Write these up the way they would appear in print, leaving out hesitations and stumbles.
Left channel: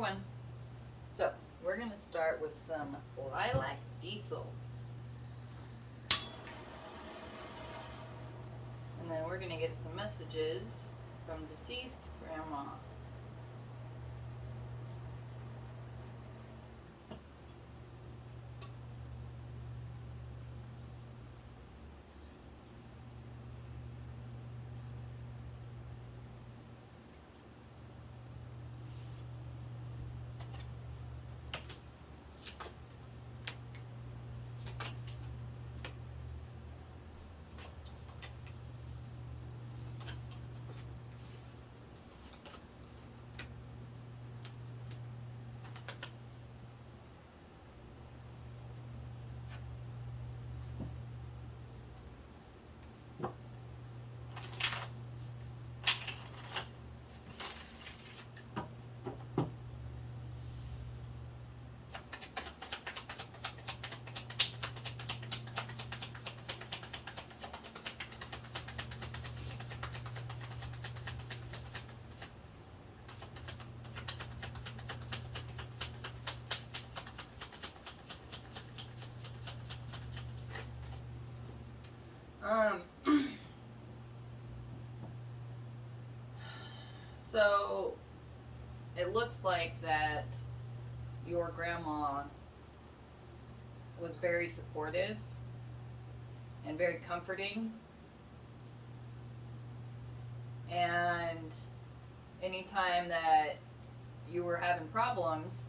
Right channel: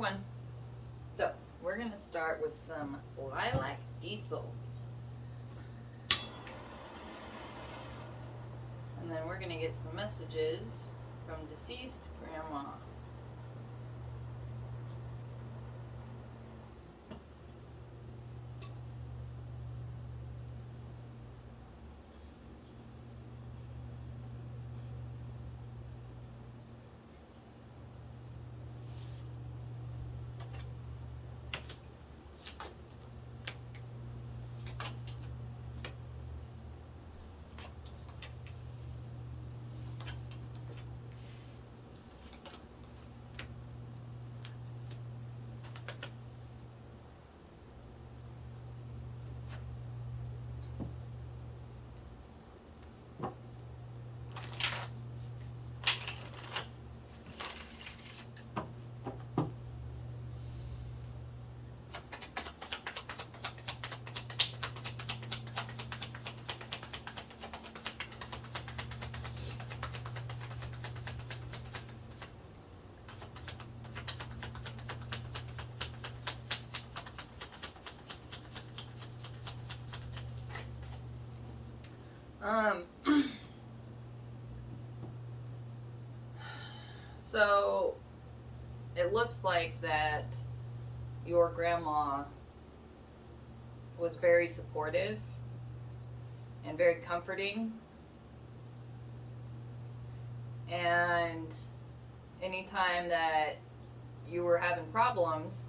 one. So we're going to start with some lilac diesel. And then we're going to get some messages from deceased grandma. So it looks like that your grandma was very supportive and very comforting, and anytime that you were having problems,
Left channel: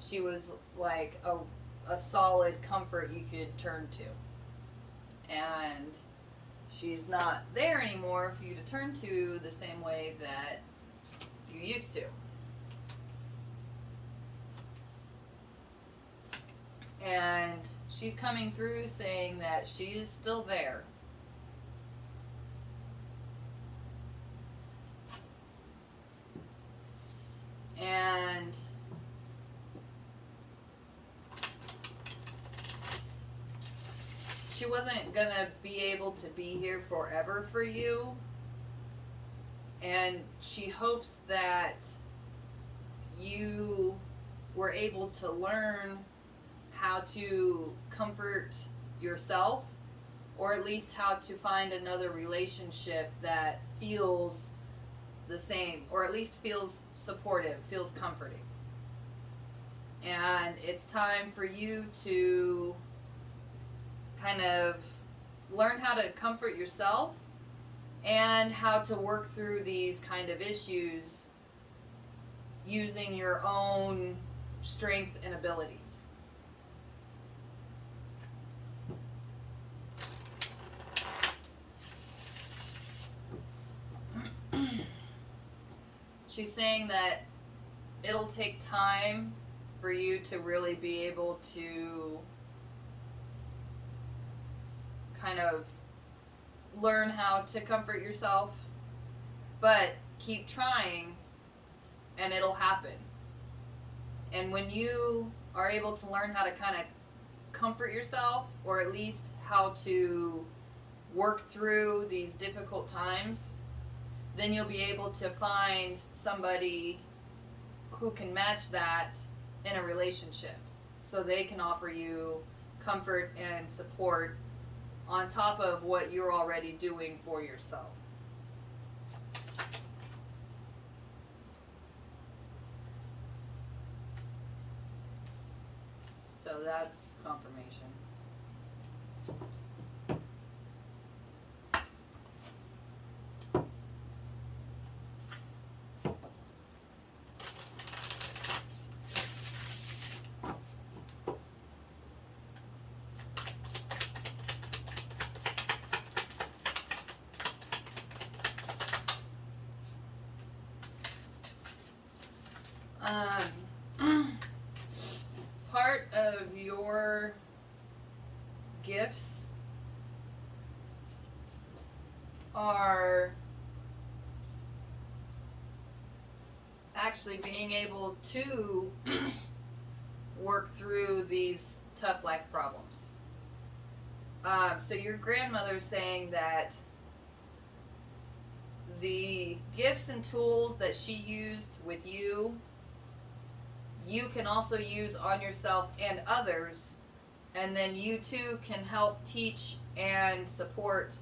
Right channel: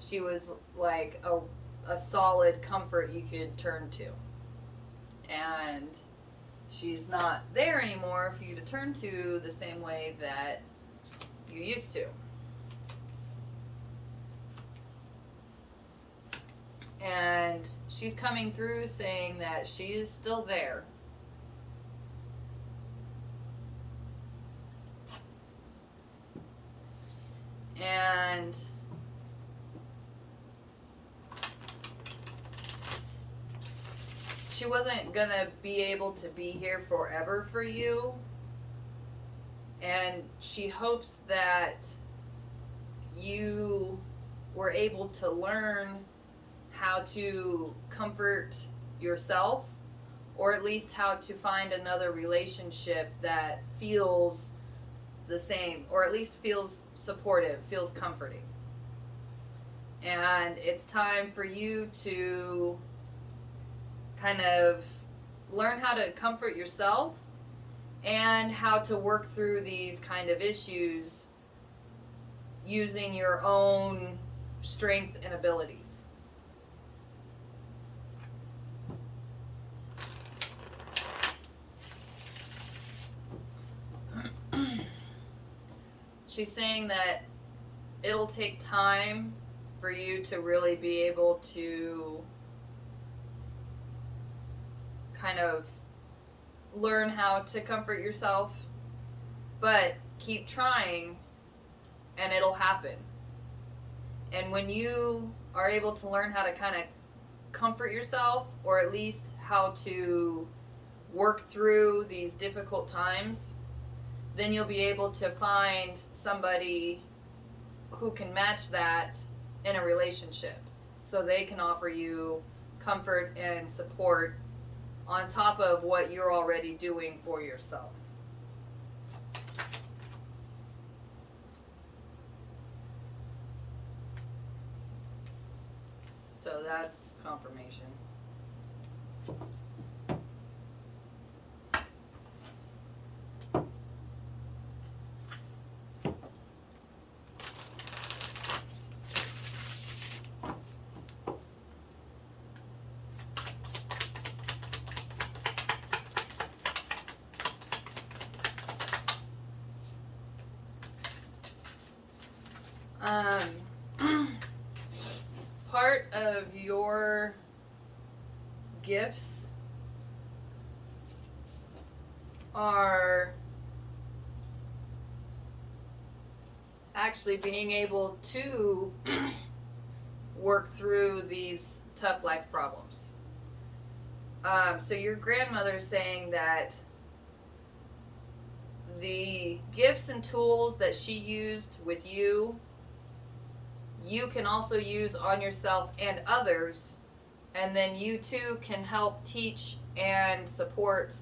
she was like a solid comfort you could turn to. And she's not there anymore for you to turn to the same way that you used to. And she's coming through saying that she is still there. And she wasn't gonna be able to be here forever for you. And she hopes that you were able to learn how to comfort yourself, or at least how to find another relationship that feels the same, or at least feels supportive, feels comforting. And it's time for you to kind of learn how to comfort yourself and how to work through these kind of issues using your own strength and abilities. She's saying that it'll take time for you to really be able to kind of learn how to comfort yourself, but keep trying and it'll happen. And when you are able to learn how to kind of comfort yourself, or at least how to work through these difficult times, then you'll be able to find somebody who can match that in a relationship, so they can offer you comfort and support on top of what you're already doing for yourself. So that's confirmation. Part of your gifts are actually being able to work through these tough life problems. So your grandmother's saying that the gifts and tools that she used with you you can also use on yourself and others, and then you too can help teach and support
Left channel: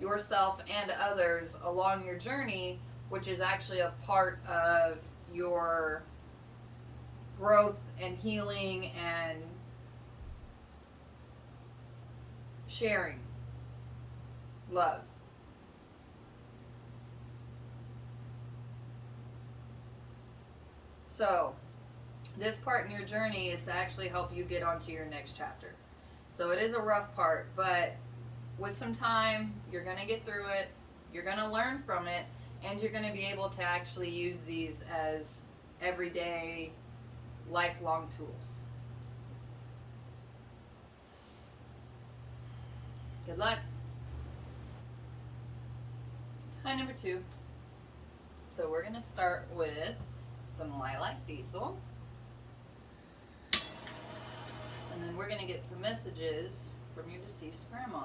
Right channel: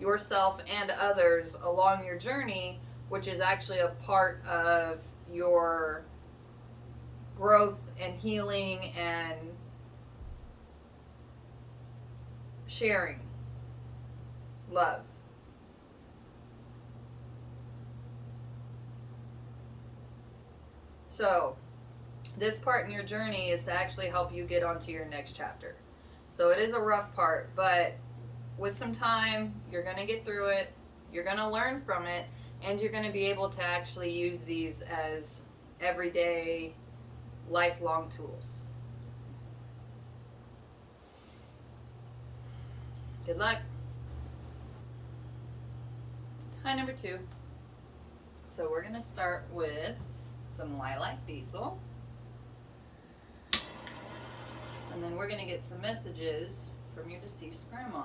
yourself and others along your journey, which is actually a part of your growth and healing and sharing love. So, this part in your journey is to actually help you get onto your next chapter. So, it is a rough part, but with some time, you're going to get through it, you're going to learn from it, and you're going to be able to actually use these as everyday, lifelong tools. Good luck. Hi, number 2. So we're going to start with some lilac diesel. And then we're going to get some messages from your deceased grandma.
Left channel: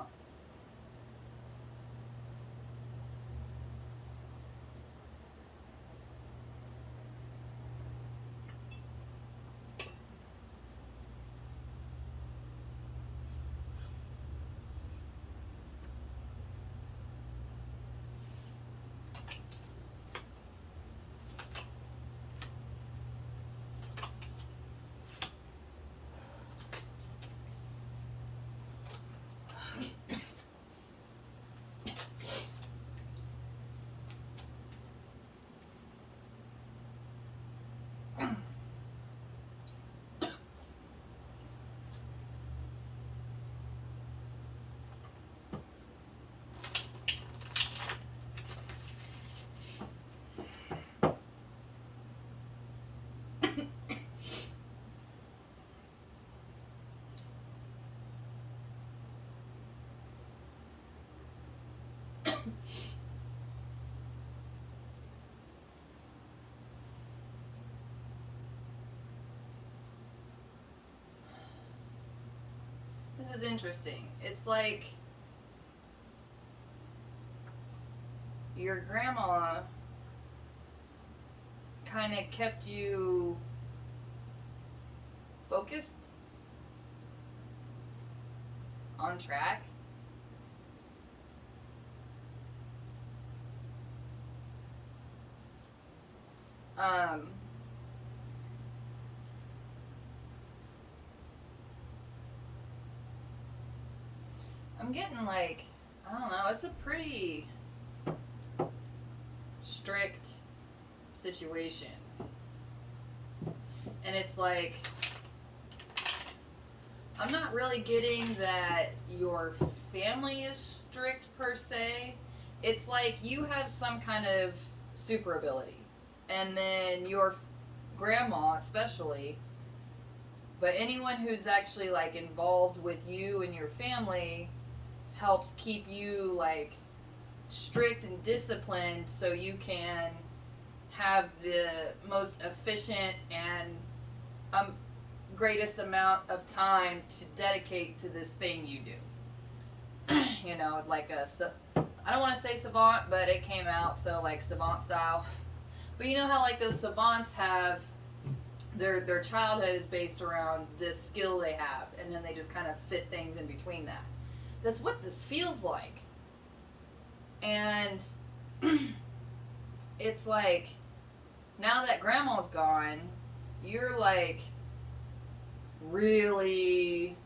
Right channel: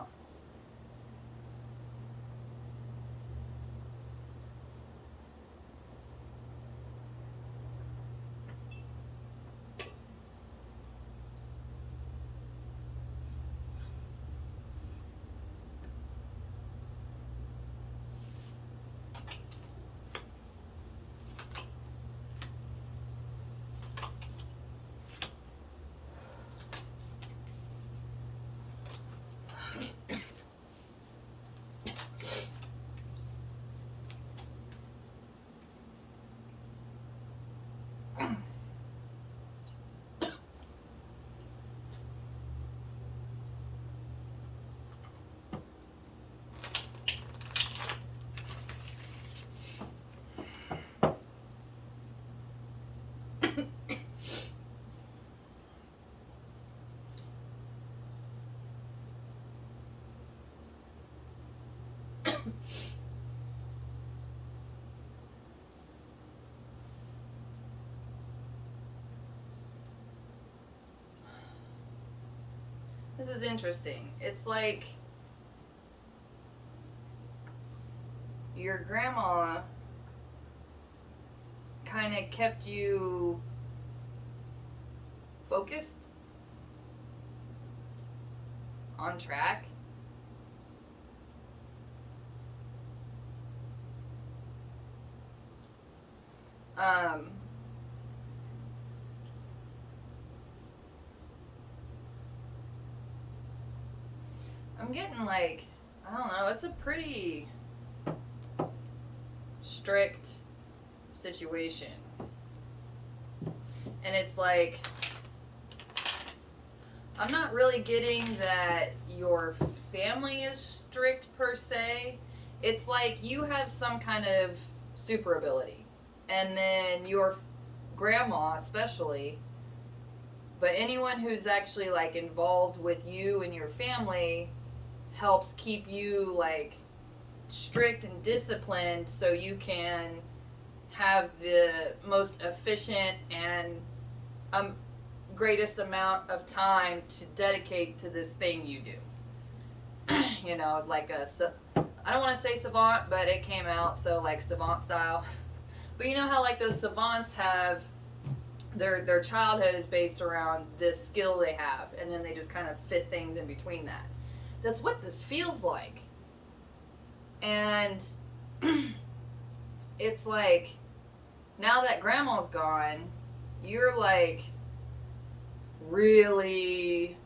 This is interesting. It's like your grandma kind of kept you focused, on track. I'm getting like, I don't know, it's a pretty strict situation. And it's like, I'm not really getting that your family is strict per se. It's like you have some kind of super ability. And then your grandma especially, but anyone who's actually like involved with you and your family helps keep you like strict and disciplined so you can have the most efficient and greatest amount of time to dedicate to this thing you do. You know, like I don't want to say savant, but it came out, so like savant style. But you know how like those savants have their childhood is based around this skill they have, and then they just kind of fit things in between that. That's what this feels like. And it's like, now that grandma's gone, you're like really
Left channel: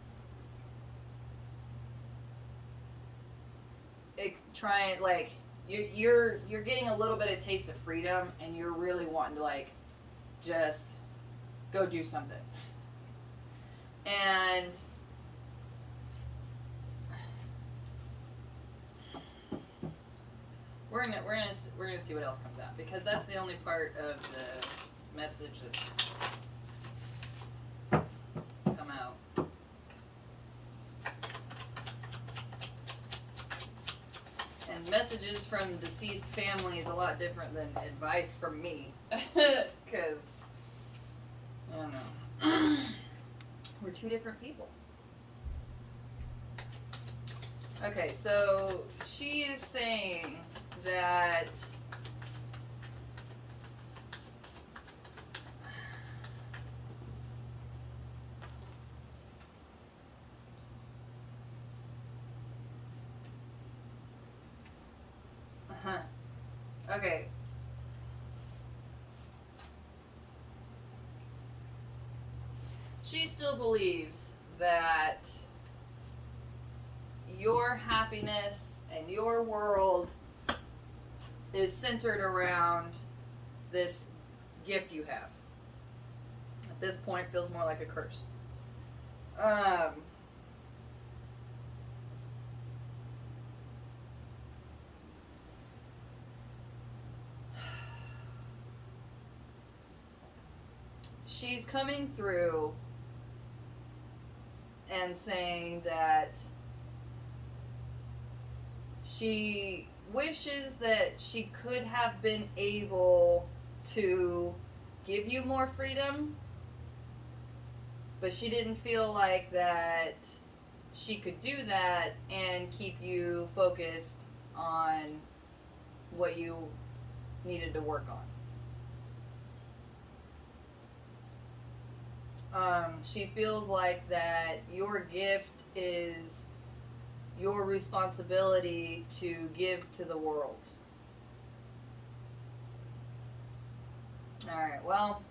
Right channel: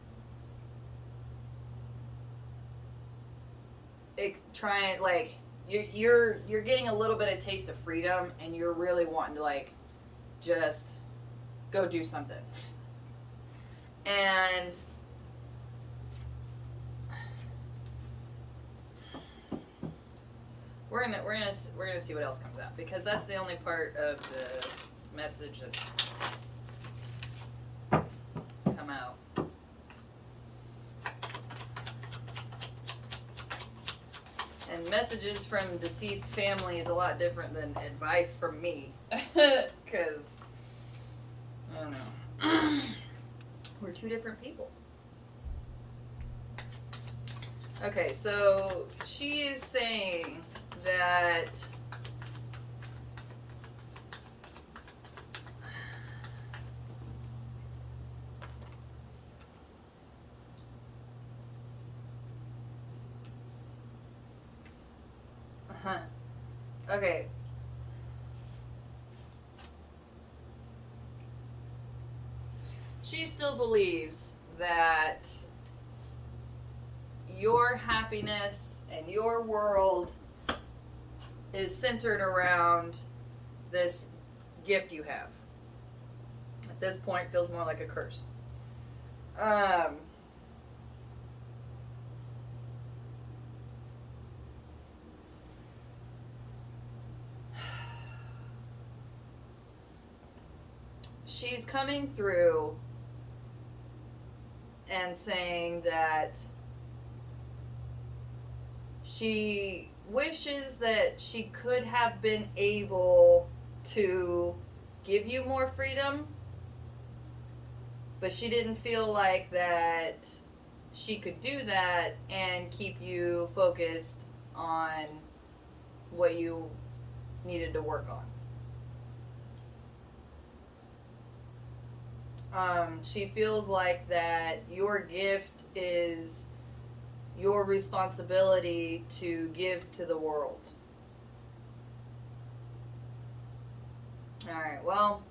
trying, like you're getting a little bit of taste of freedom, and you're really wanting to like just go do something. And we're gonna see what else comes out, because that's the only part of the message that's come out. And messages from deceased family is a lot different than advice from me, because I don't know, we're two different people. Okay, so she is saying that Okay. She still believes that your happiness and your world is centered around this gift you have. At this point, feels more like a curse. She's coming through and saying that she wishes that she could have been able to give you more freedom, but she didn't feel like that she could do that and keep you focused on what you needed to work on. She feels like that your gift is your responsibility to give to the world. Alright, well,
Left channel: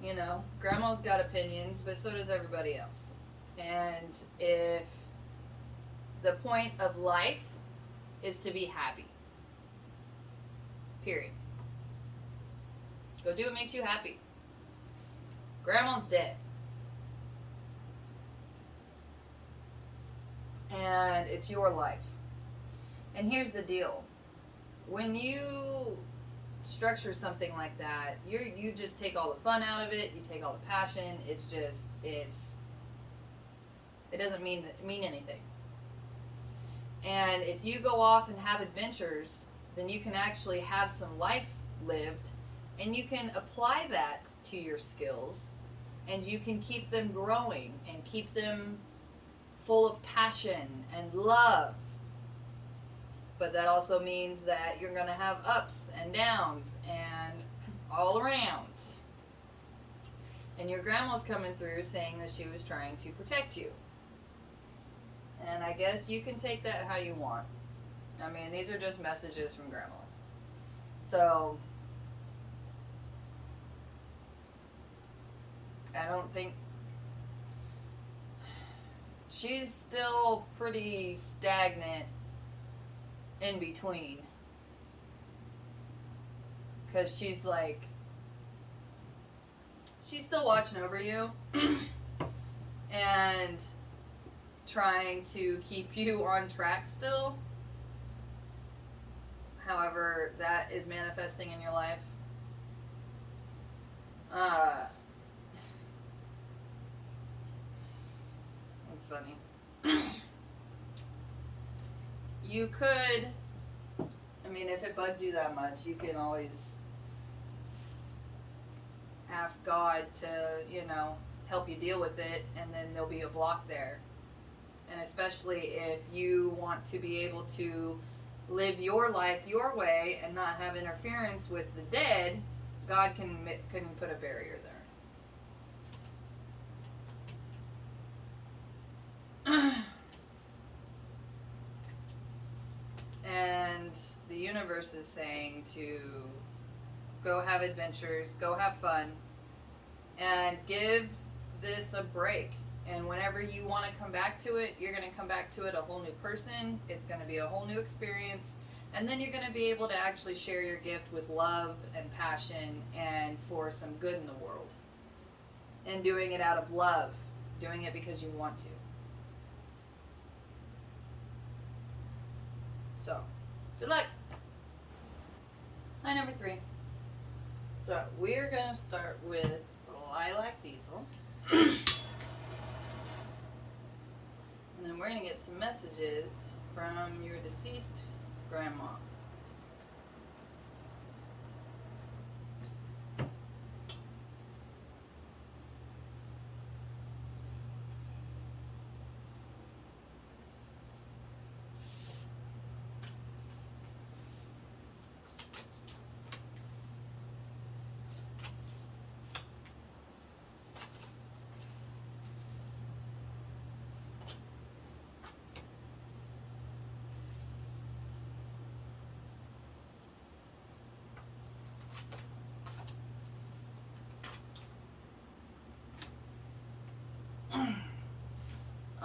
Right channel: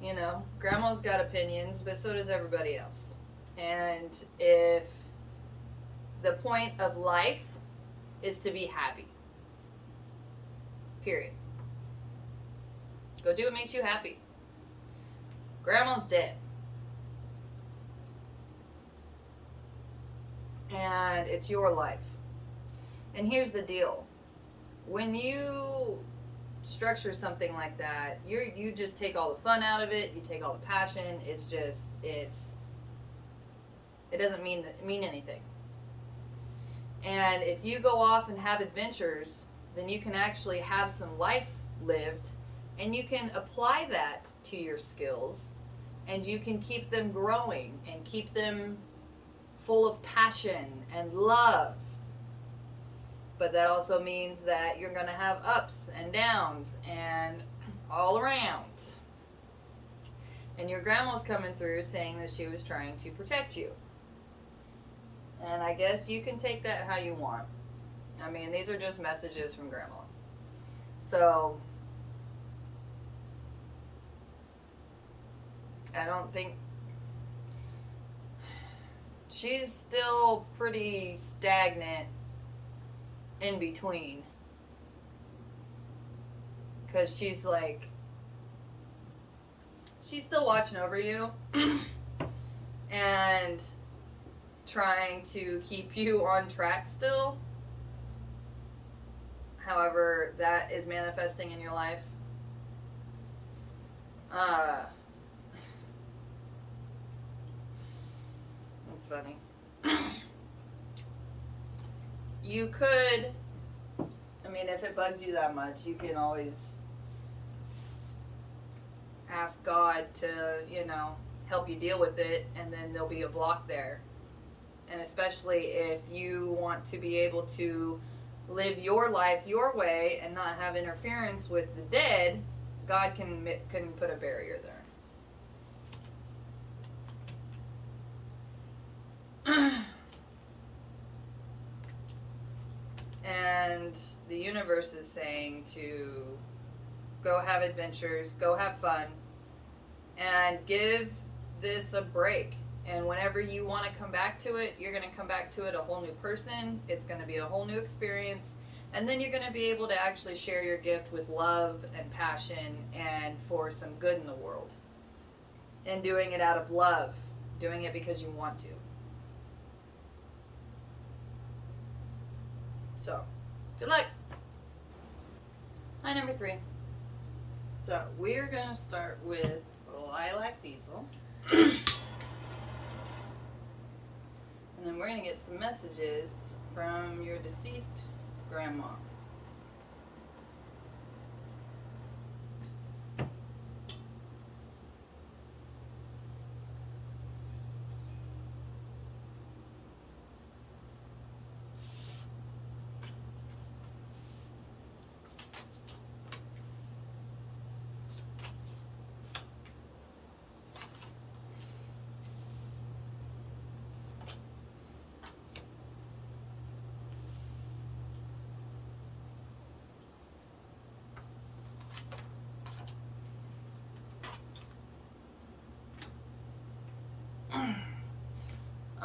you know, Grandma's got opinions, but so does everybody else. And if the point of life is to be happy, period. Go do what makes you happy. Grandma's dead. And it's your life. And here's the deal. When you structure something like that, you just take all the fun out of it, you take all the passion, it doesn't mean anything. And if you go off and have adventures, then you can actually have some life lived, and you can apply that to your skills, and you can keep them growing and keep them full of passion and love. But that also means that you're going to have ups and downs and all around. And your grandma's coming through saying that she was trying to protect you. And I guess you can take that how you want. I mean, these are just messages from Grandma. So, I don't think... She's still pretty stagnant in between. Because she's like... She's still watching over you. And trying to keep you on track still. However, that is manifesting in your life. That's funny. You could, I mean, if it bugs you that much, you can always ask God to, help you deal with it, and then there'll be a block there. And especially if you want to be able to live your life your way and not have interference with the dead, God can put a barrier there. And the universe is saying to go have adventures, go have fun, and give this a break. And whenever you want to come back to it, you're going to come back to it a whole new person. It's going to be a whole new experience. And then you're going to be able to actually share your gift with love and passion and for some good in the world. And doing it out of love. Doing it because you want to. So, good luck. Hi, number 3. So, we're going to start with Lilac Diesel. And then we're going to get some messages from your deceased grandma.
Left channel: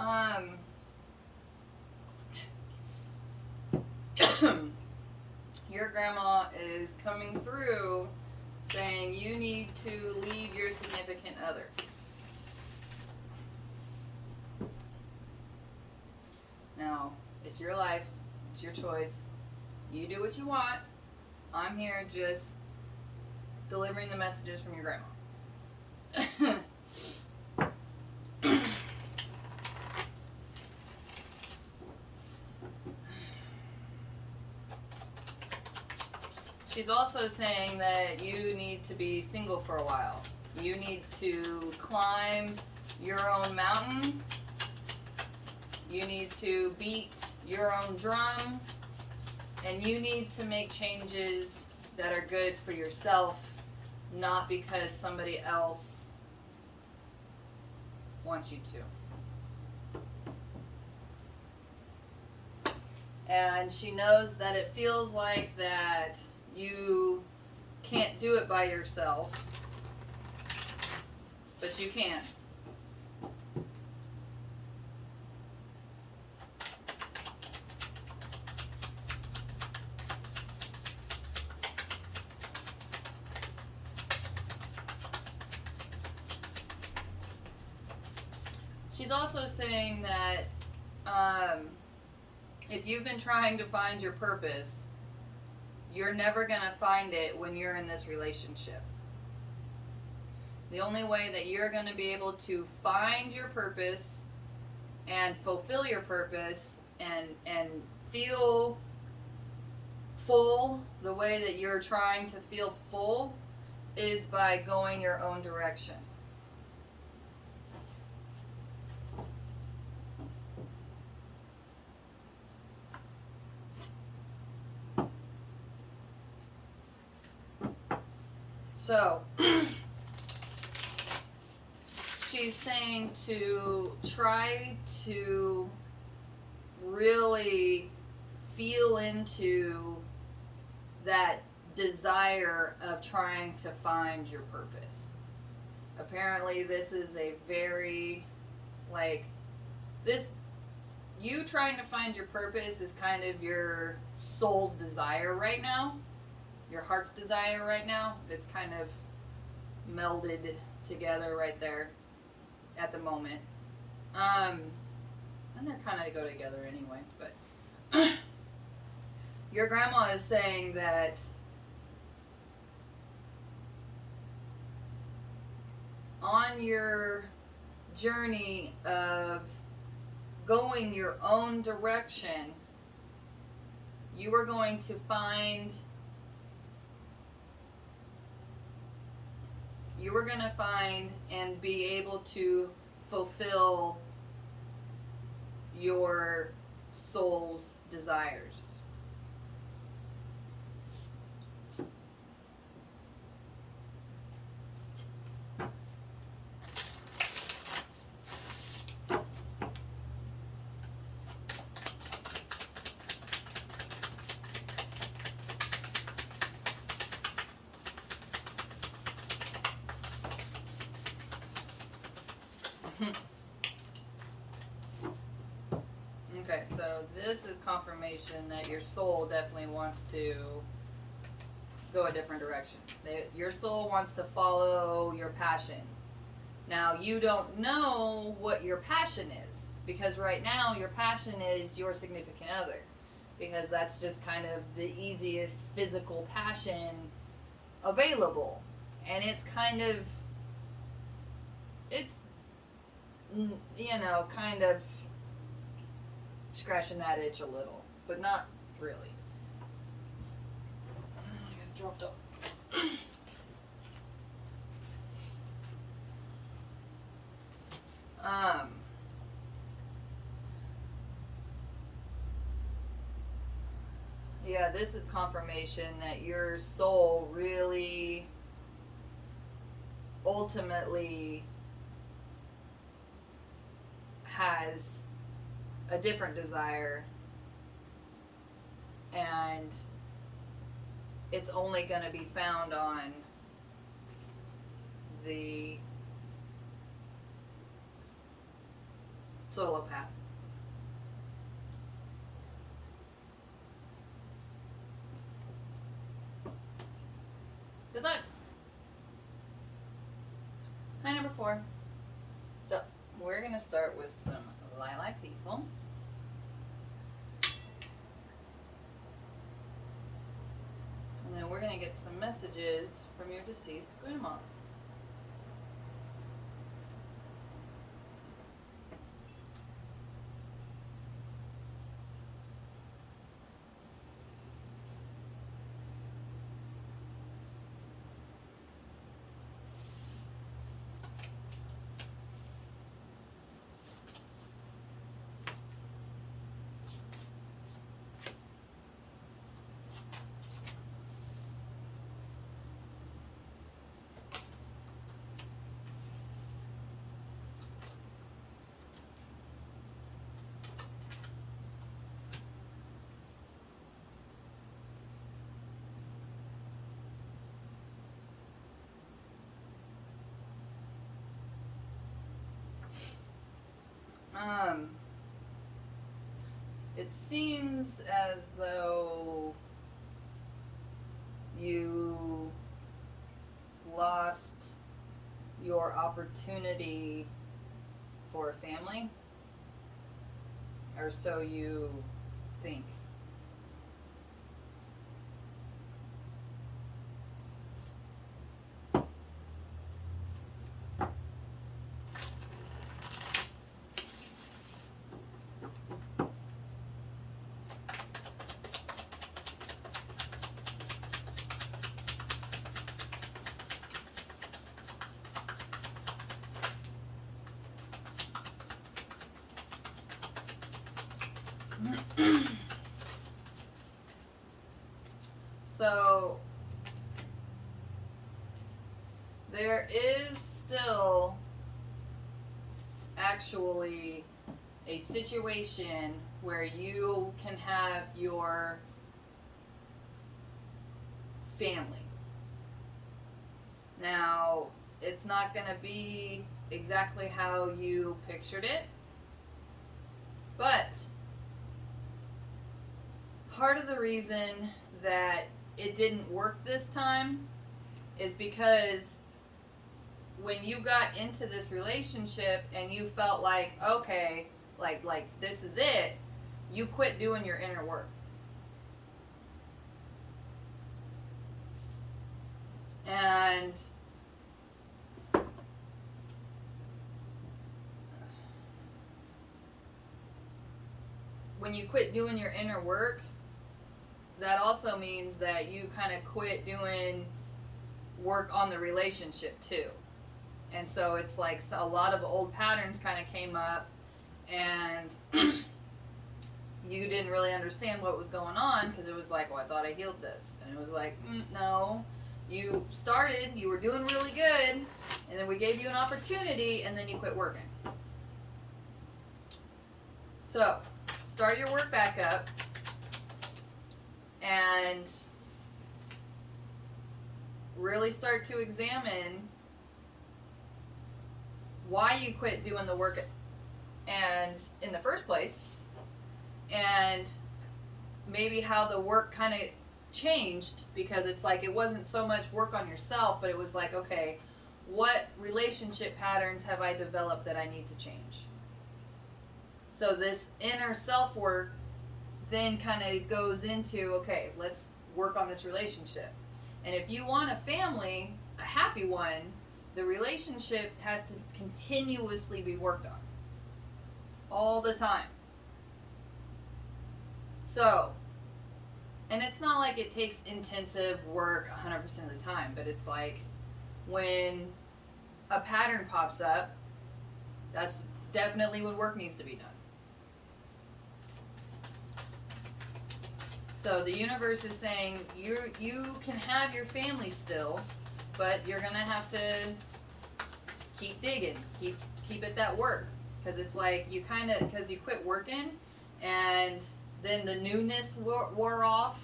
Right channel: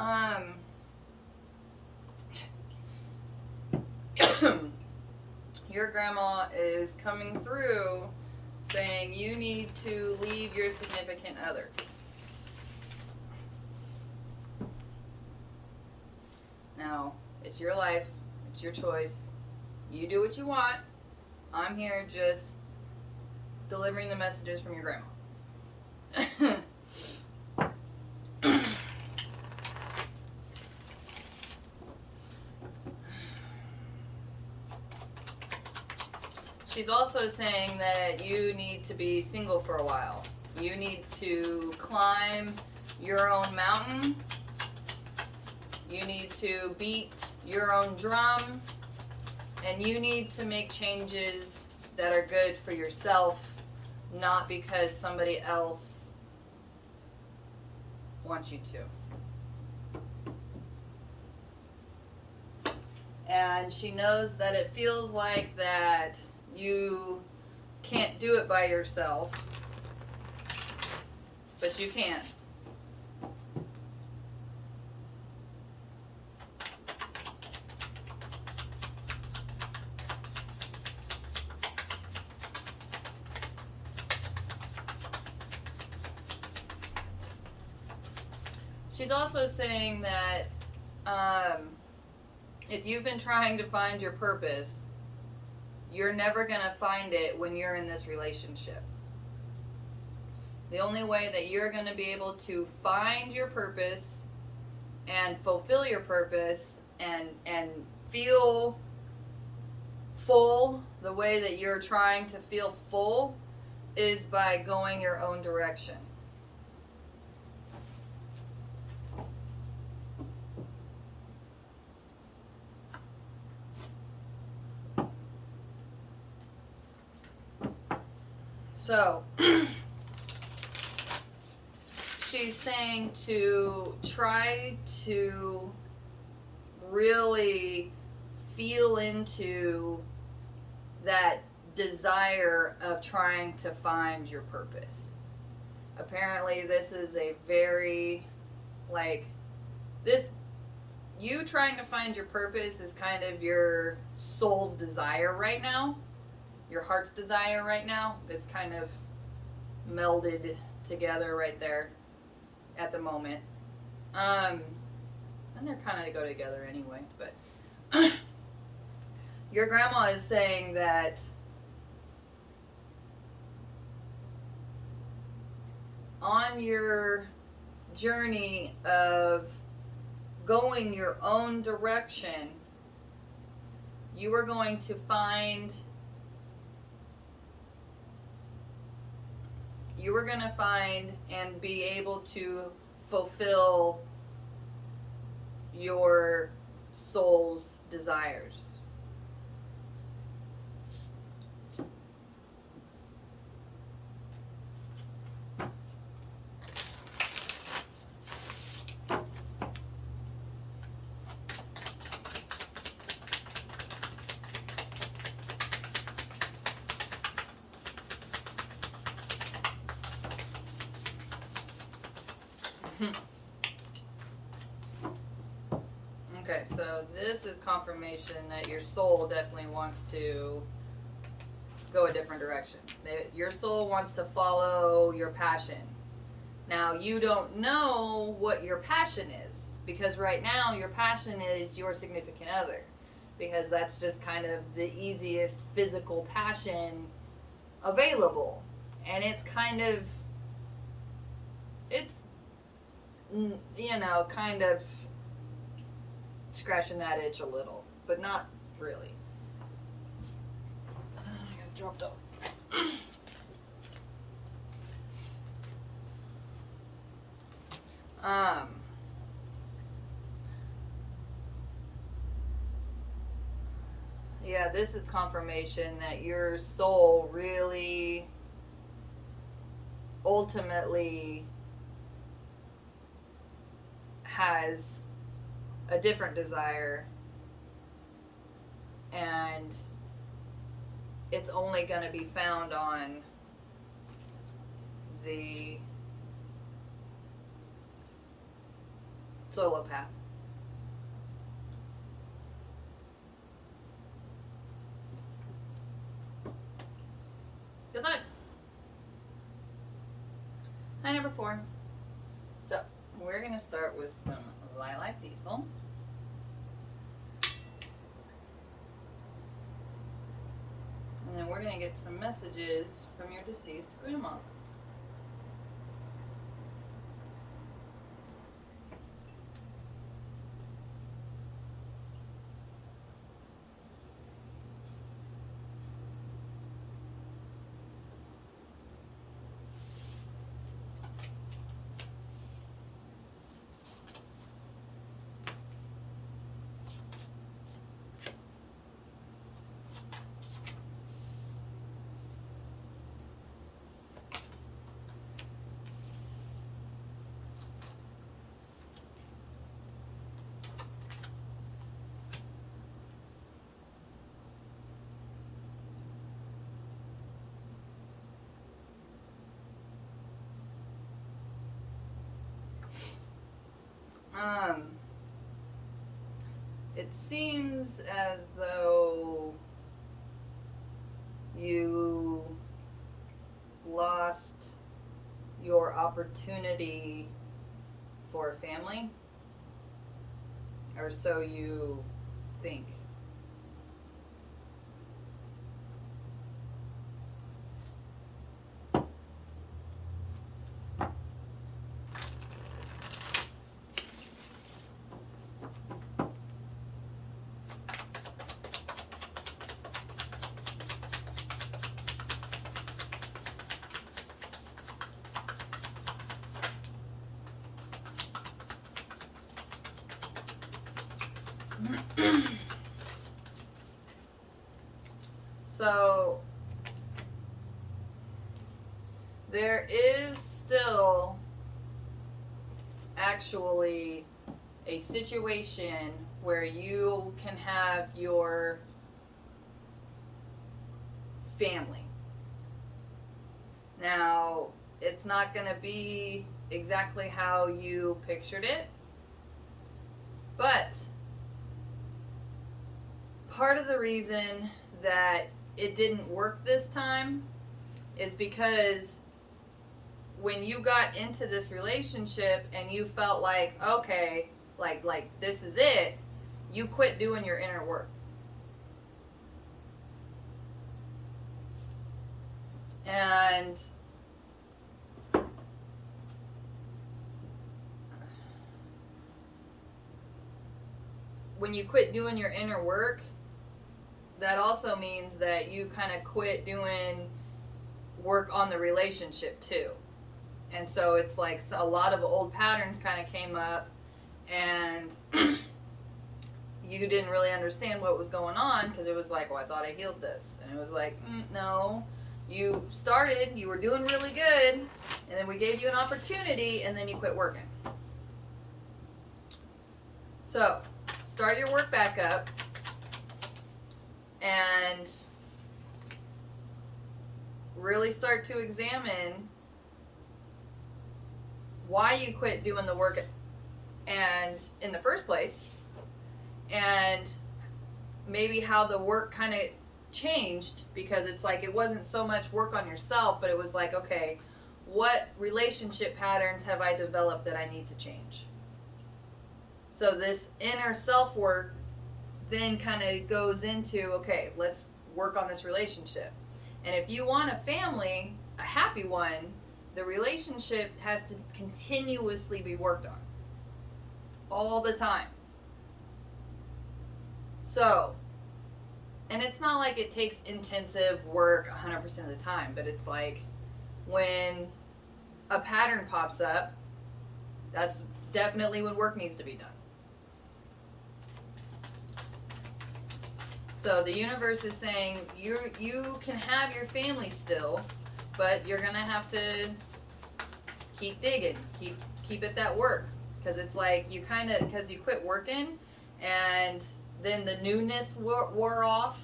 Um, your grandma is coming through saying you need to leave your significant other. Now, it's your life, it's your choice. You do what you want. I'm here just delivering the messages from your grandma. She's also saying that you need to be single for a while. You need to climb your own mountain. You need to beat your own drum. And you need to make changes that are good for yourself, not because somebody else wants you to. And she knows that it feels like that you can't do it by yourself, but you can. She's also saying that if you've been trying to find your purpose, you're never going to find it when you're in this relationship. The only way that you're going to be able to find your purpose and fulfill your purpose and feel full the way that you're trying to feel full is by going your own direction. So, she's saying to try to really feel into that desire of trying to find your purpose. Apparently, this is a very, you trying to find your purpose is kind of your soul's desire right now. Your heart's desire right now. It's kind of melded together right there at the moment. And they're kind of go together anyway, but your grandma is saying that on your journey of going your own direction, you are going to find and be able to fulfill your soul's desires. Okay, so this is confirmation that your soul definitely wants to go a different direction. Your soul wants to follow your passion. Now, you don't know what your passion is, because right now your passion is your significant other, because that's just kind of the easiest physical passion available. And it's kind of, kind of scratching that itch a little, but not really. I got dropped off. Yeah, this is confirmation that your soul really ultimately has a different desire, and it's only going to be found on the Solo path. Good luck. Hi, number 4. So, we're going to start with some lilac diesel. And then we're going to get some messages from your deceased grandma. It seems as though you lost your opportunity for a family, or so you think. So there is still actually a situation where you can have your family. Now, it's not going to be exactly how you pictured it, but part of the reason that it didn't work this time is because when you got into this relationship and you felt like, okay, like this is it, you quit doing your inner work. And when you quit doing your inner work, that also means that you kind of quit doing work on the relationship too. And so it's like a lot of old patterns kind of came up, and you didn't really understand what was going on, because it was like, well, I thought I healed this. And it was like, no, you started, you were doing really good, and then we gave you an opportunity, and then you quit working. So start your work back up and really start to examine why you quit doing the work and in the first place, and maybe how the work kind of changed, because it's like it wasn't so much work on yourself, but it was like, okay, what relationship patterns have I developed that I need to change? So this inner self work then kind of goes into, okay, let's work on this relationship. And if you want a family, a happy one, the relationship has to continuously be worked on all the time. So, and it's not like it takes intensive work 100% of the time, but it's like when a pattern pops up, that's definitely when work needs to be done. So the universe is saying you can have your family still, but you're gonna have to keep digging, keep at that work, because it's like you kind of, because you quit working, and then the newness wore off,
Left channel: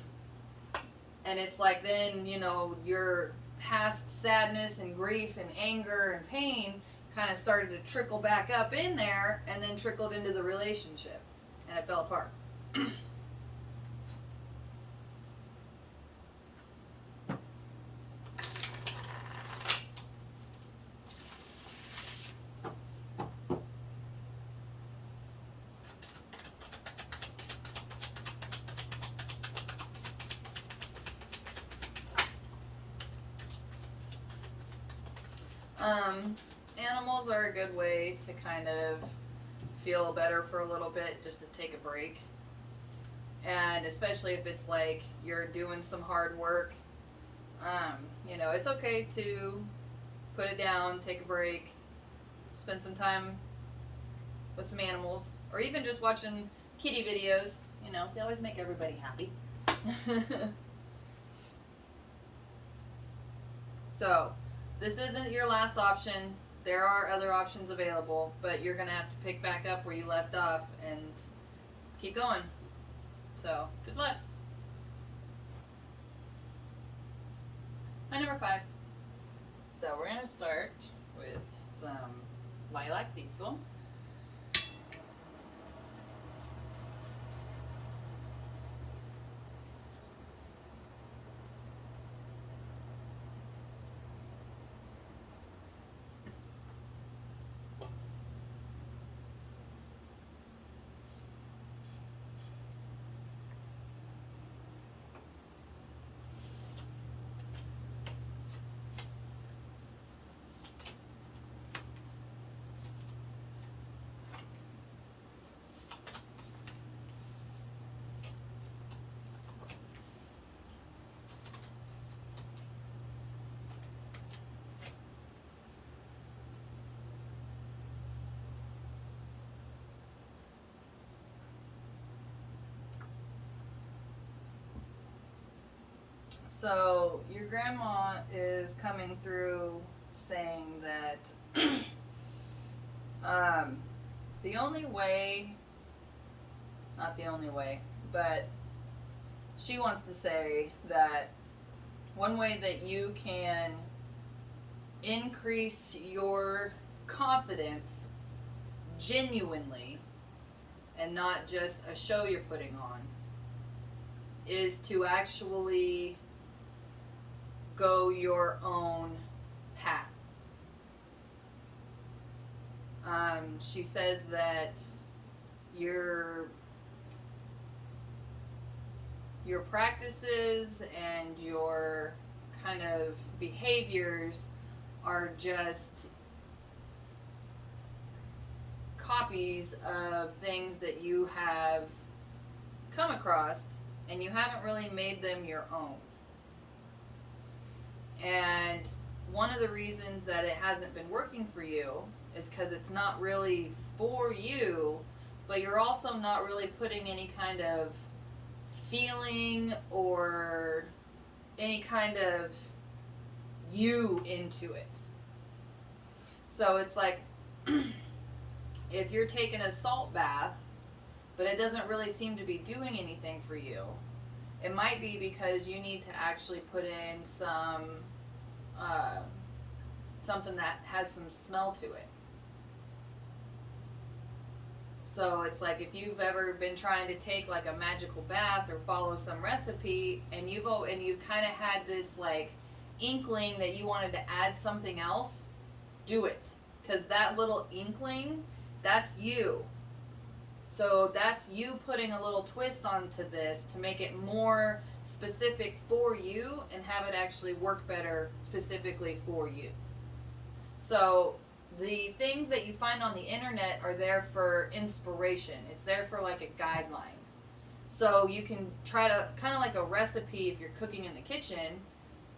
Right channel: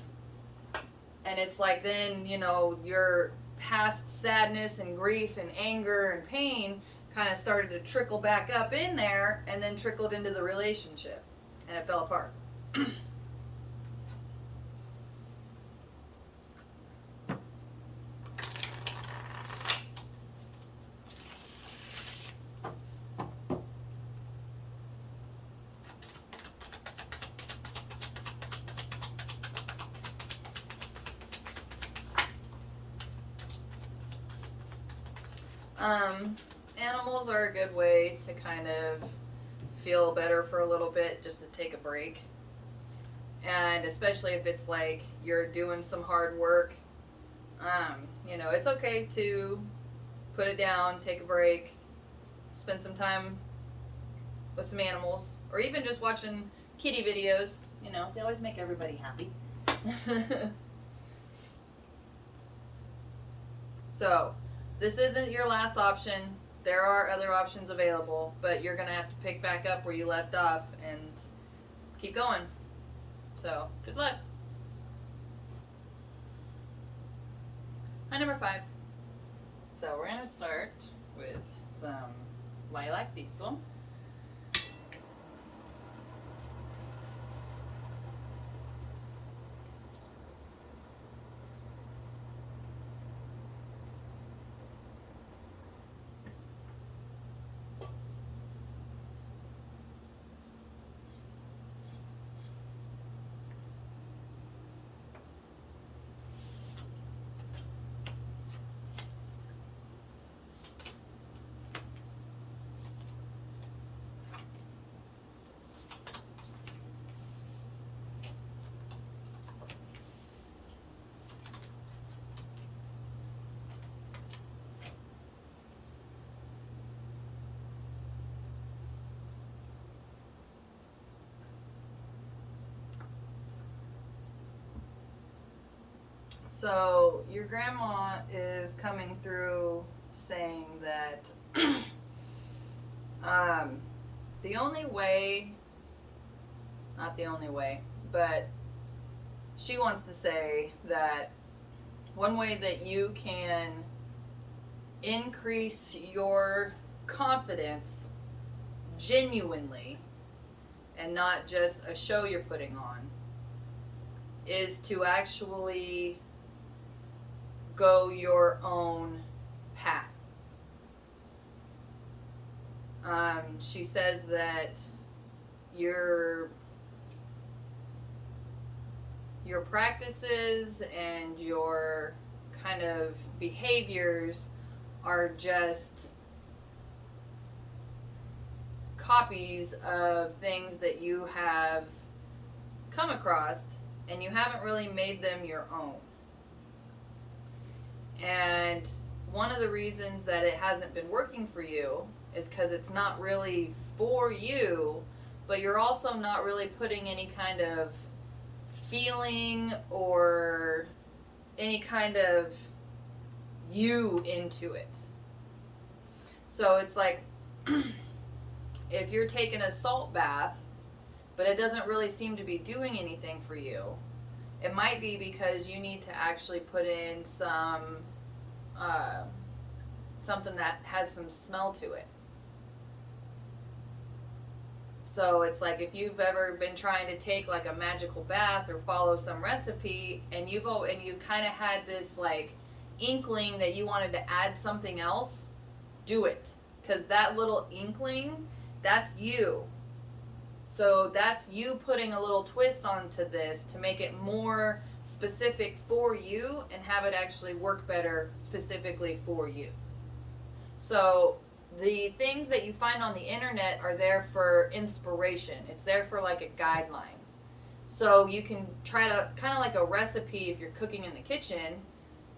and it's like then, you know, your past sadness and grief and anger and pain kind of started to trickle back up in there and then trickled into the relationship and it fell apart. Animals are a good way to kind of feel better for a little bit, just to take a break. And especially if it's like you're doing some hard work, you know, it's okay to put it down, take a break, spend some time with some animals, or even just watching kitty videos. You know, they always make everybody happy. So, this isn't your last option. There are other options available, but you're going to have to pick back up where you left off and keep going. So, good luck. Hi, number 5. So, we're going to start with some lilac diesel. So, your grandma is coming through saying that the only way, not the only way, but she wants to say that one way that you can increase your confidence genuinely and not just a show you're putting on is to actually go your own path. She says that your practices and your kind of behaviors are just copies of things that you have come across, and you haven't really made them your own. And one of the reasons that it hasn't been working for you is because it's not really for you, but you're also not really putting any kind of feeling or any kind of you into it. So it's like if you're taking a salt bath, but it doesn't really seem to be doing anything for you, it might be because you need to actually put in some something that has some smell to it. So it's like if you've ever been trying to take like a magical bath or follow some recipe, and you've kind of had this like inkling that you wanted to add something else, do it, because that little inkling, that's you. So that's you putting a little twist onto this to make it more specific for you and have it actually work better specifically for you. So the things that you find on the internet are there for inspiration. It's there for like a guideline. So you can try to, kind of like a recipe if you're cooking in the kitchen,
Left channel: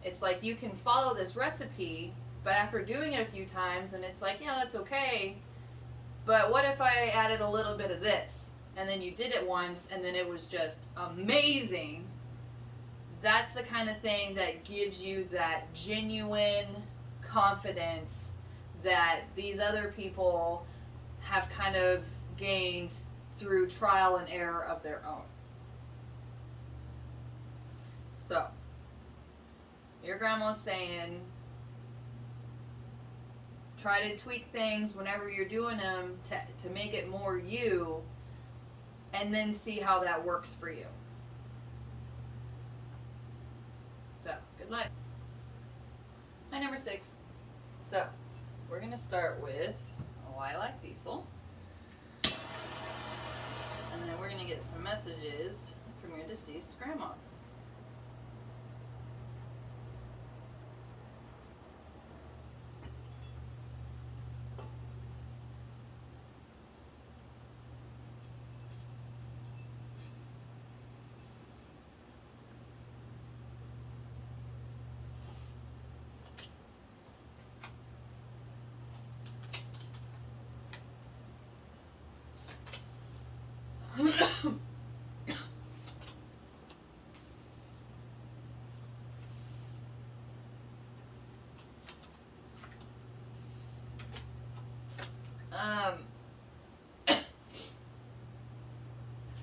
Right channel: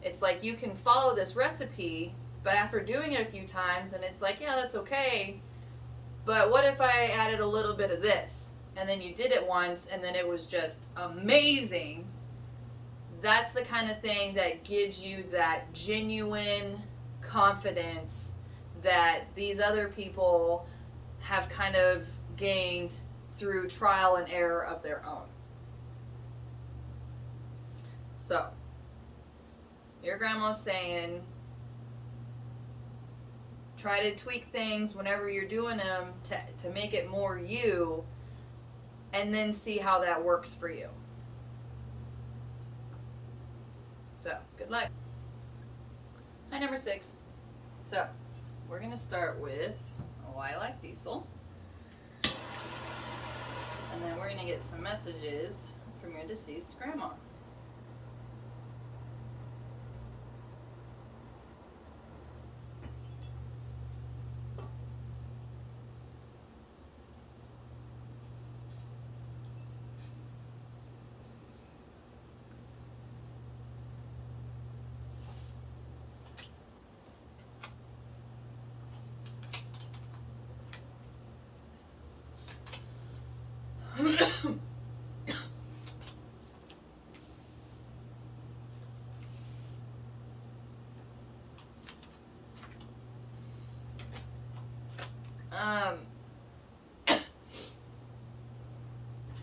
it's like you can follow this recipe, but after doing it a few times and it's like, yeah, that's okay, but what if I added a little bit of this? And then you did it once and then it was just amazing. That's the kind of thing that gives you that genuine confidence that these other people have kind of gained through trial and error of their own. So, your grandma's saying, try to tweak things whenever you're doing them to make it more you, and then see how that works for you. So, good luck. Hi, number 6. So, we're going to start with Lilac Diesel. And then we're going to get some messages from your deceased grandma.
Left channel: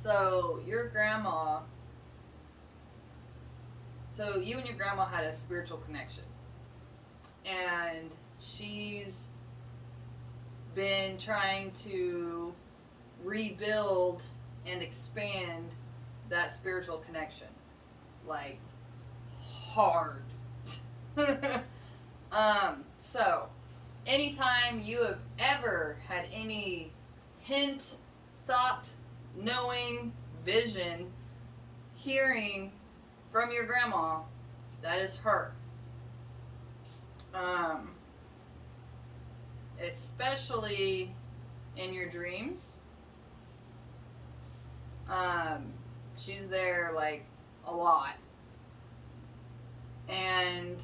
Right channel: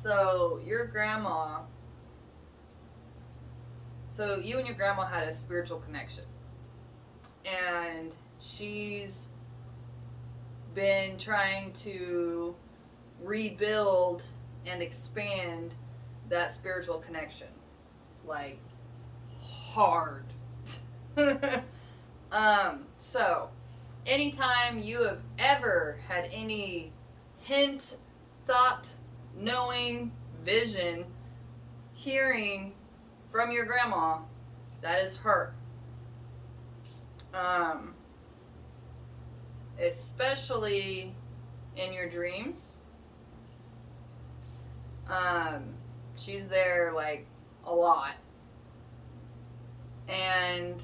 So your grandma, so you and your grandma had a spiritual connection, and she's been trying to rebuild and expand that spiritual connection, like hard. So anytime you have ever had any hint, thought, knowing, vision, hearing from your grandma, that is her. Especially in your dreams. She's there like a lot. And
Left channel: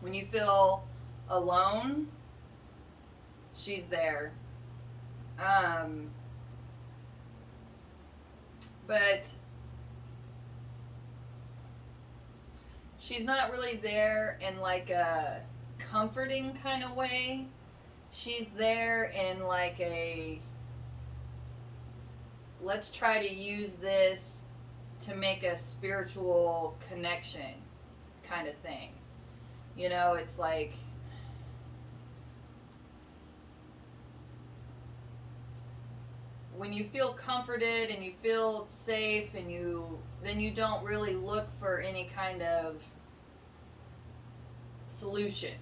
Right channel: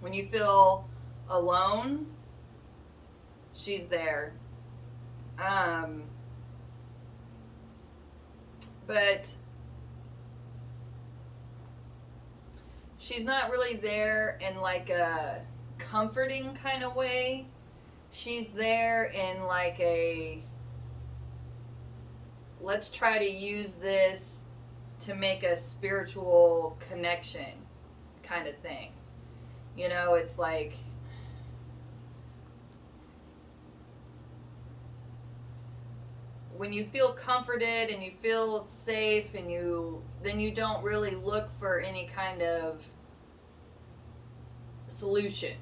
when you feel alone, she's there. But she's not really there in like a comforting kind of way. She's there in like a, let's try to use this to make a spiritual connection kind of thing. You know, it's like, when you feel comforted and you feel safe, and then you don't really look for any kind of solution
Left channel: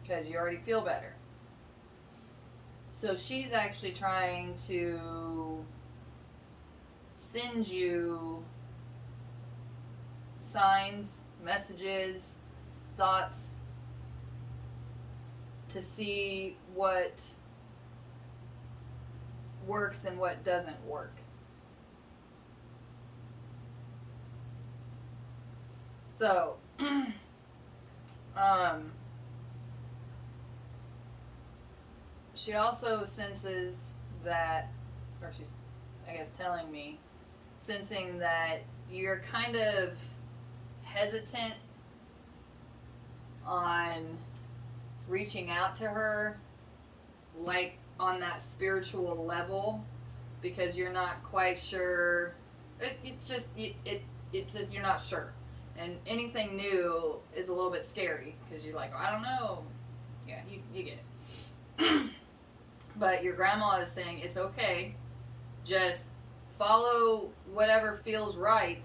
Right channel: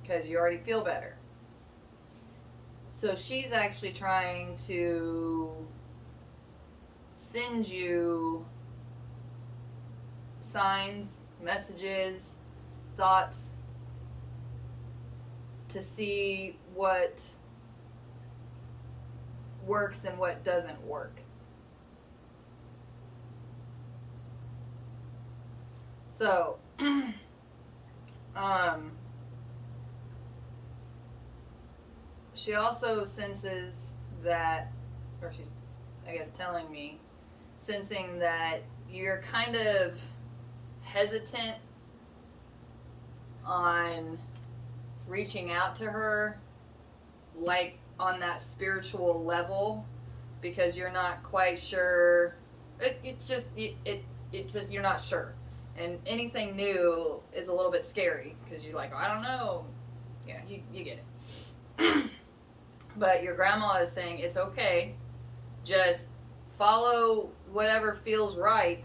because you already feel better. So she's actually trying to send you signs, messages, thoughts to see what works and what doesn't work. So, she also senses that, or she's, I guess, telling me, sensing that you're kind of hesitant on reaching out to her, like on that spiritual level, because you're not quite sure. It's just you're not sure, and anything new is a little bit scary because you're like, oh, I don't know. Yeah, you get it. But your grandma is saying it's okay, just follow whatever feels right,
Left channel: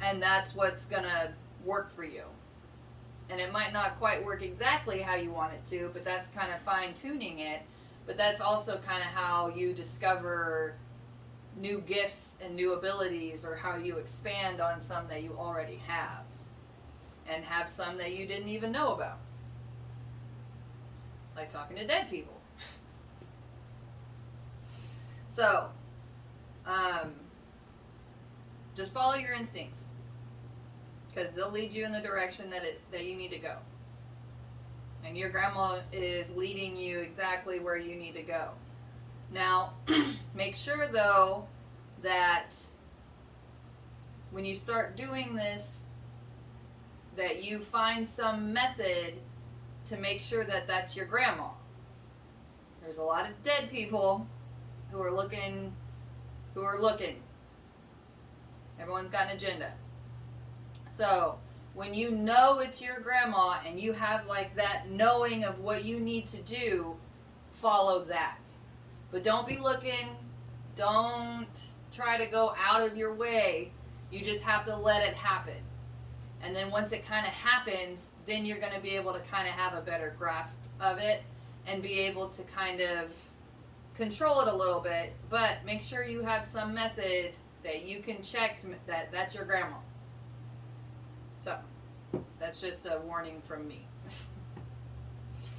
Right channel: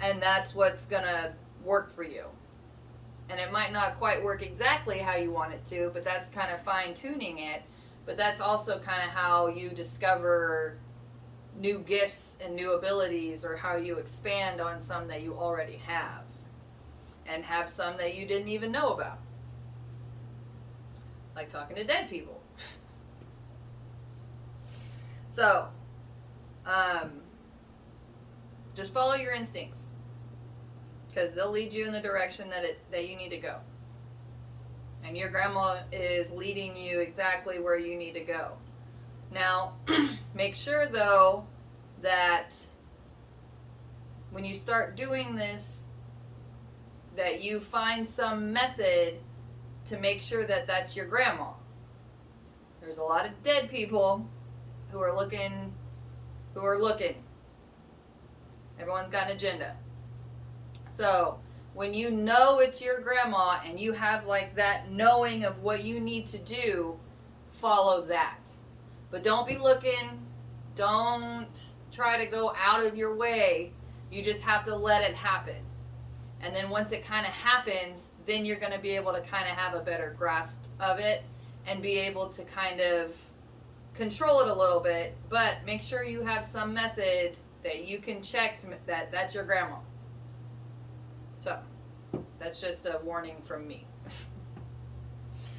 and that's what's gonna work for you. And it might not quite work exactly how you want it to, but that's kind of fine-tuning it. But that's also kind of how you discover new gifts and new abilities, or how you expand on some that you already have, and have some that you didn't even know about. Like talking to dead people. So, just follow your instincts, because they'll lead you in the direction that you need to go. And your grandma is leading you exactly where you need to go. Now, make sure though that when you start doing this, that you find some method to make sure that that's your grandma. There's a lot of dead people who are looking. Everyone's got an agenda. So when you know it's your grandma and you have like that knowing of what you need to do, follow that. But don't be looking, don't try to go out of your way. You just have to let it happen. And then once it kind of happens, then you're going to be able to kind of have a better grasp of it and be able to kind of control it a little bit. But make sure you have some method that you can check that that's your grandma. So that's just a warning from me.